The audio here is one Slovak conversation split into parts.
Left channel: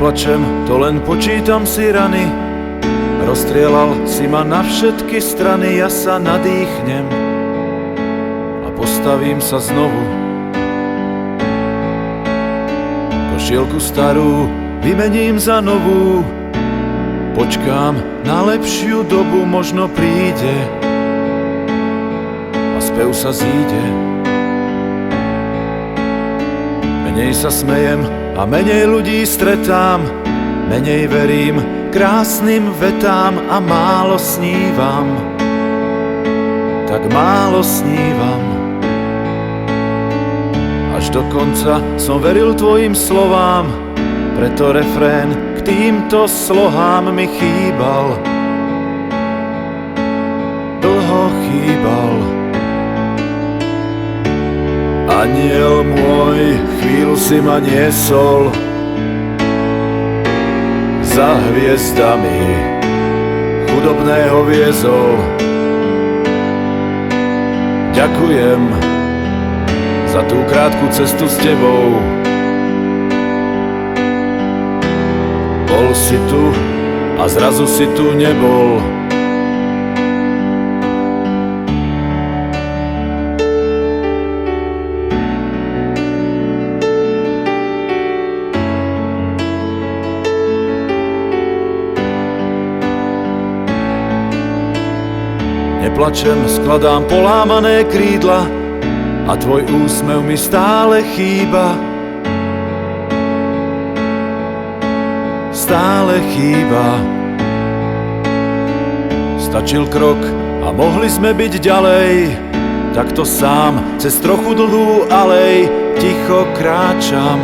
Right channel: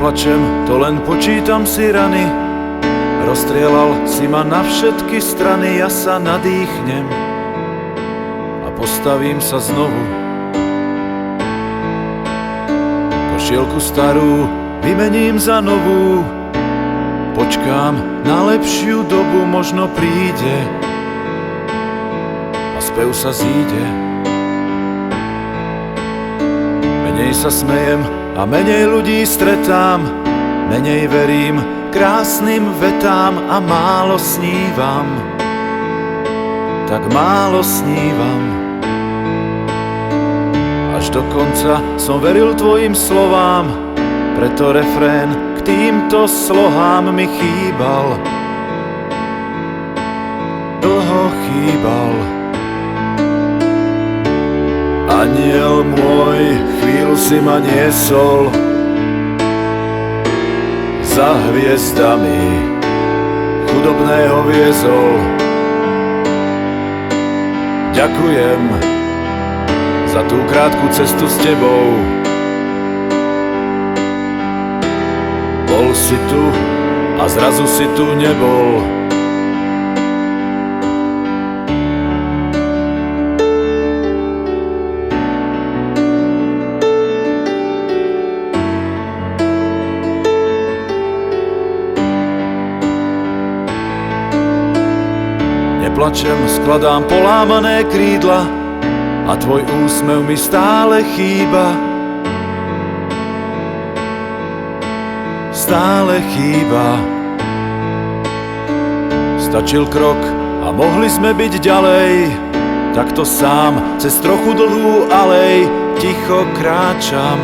Neplačem, to len počítam si rany. Rozstrielal si ma na všetky strany. Ja sa nadýchnem a postavím sa znovu. Košielku starú vymením za novú. Počkám na lepšiu dobu, možno príde a spev sa zíde. Menej sa smejem a menej ľudí stretám. Menej verím krásnym vetám a málo snívam. Tak málo snívam. Až do konca som veril tvojim slovám, preto refrén k týmto slohám mi chýbal. Dlho chýbal. Anjel môj, chvíľu si ma niesol za hviezdami, chudobného viezol. Ďakujem za tú krátku cestu s tebou. Bol si tu a zrazu si tu nebol. Neplačem, skladám polámané krídla a tvoj úsmev mi stále chýba. Stále chýba. Stačil krok a mohli sme byť ďalej. Takto sám cez trochu dlhú alej ticho kráčam.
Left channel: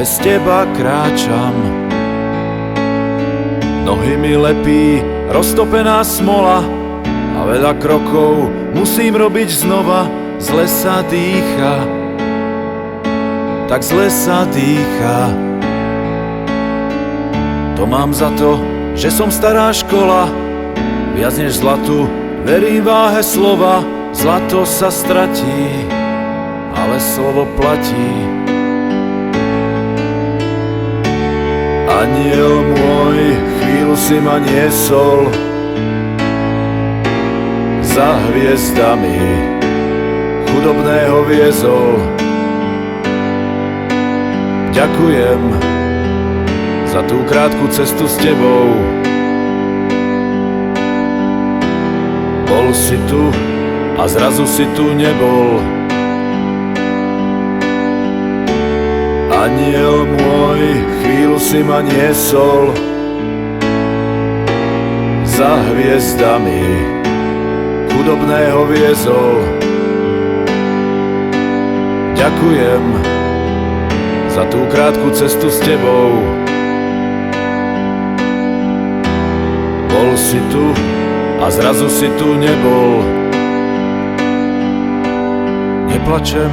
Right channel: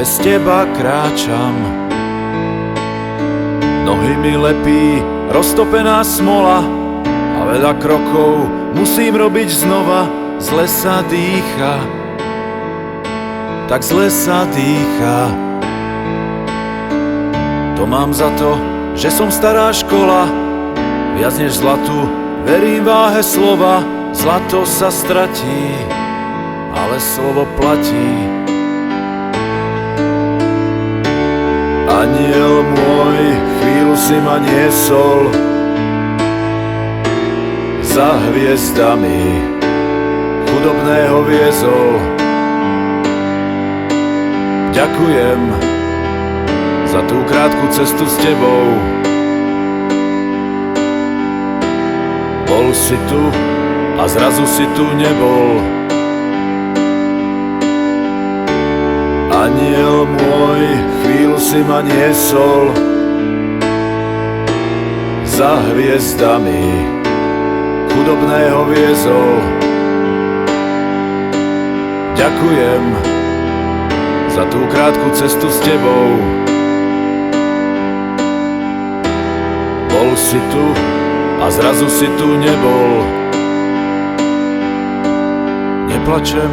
Bez teba kráčam. Nohy mi lepí roztopená smola a veľa krokov musím robiť znova. Zle sa dýcha, tak zle sa dýcha. To mám za to, že som stará škola, viac než zlatu, verím váhe slova. Zlato sa stratí, ale slovo platí. Anjel môj, chvíľu si ma niesol za hviezdami, chudobného viezol. Ďakujem za tú krátku cestu s tebou. Bol si tu a zrazu si tu nebol. Anjel môj, chvíľu si ma niesol za hviezdami, chudobného viezol. Ďakujem za tú krátku cestu s tebou. Bol si tu a zrazu si tu nebol. Neplačem,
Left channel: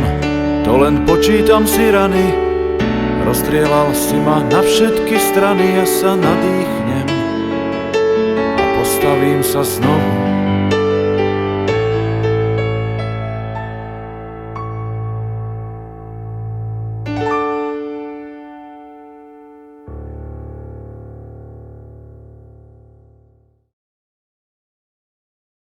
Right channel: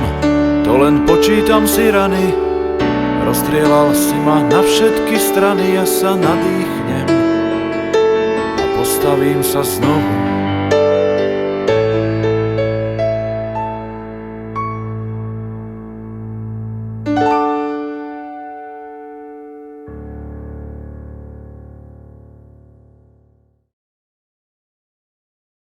to len počítam si rany. Rozstrielal si ma na všetky strany. Ja sa nadýchnem a postavím sa znovu.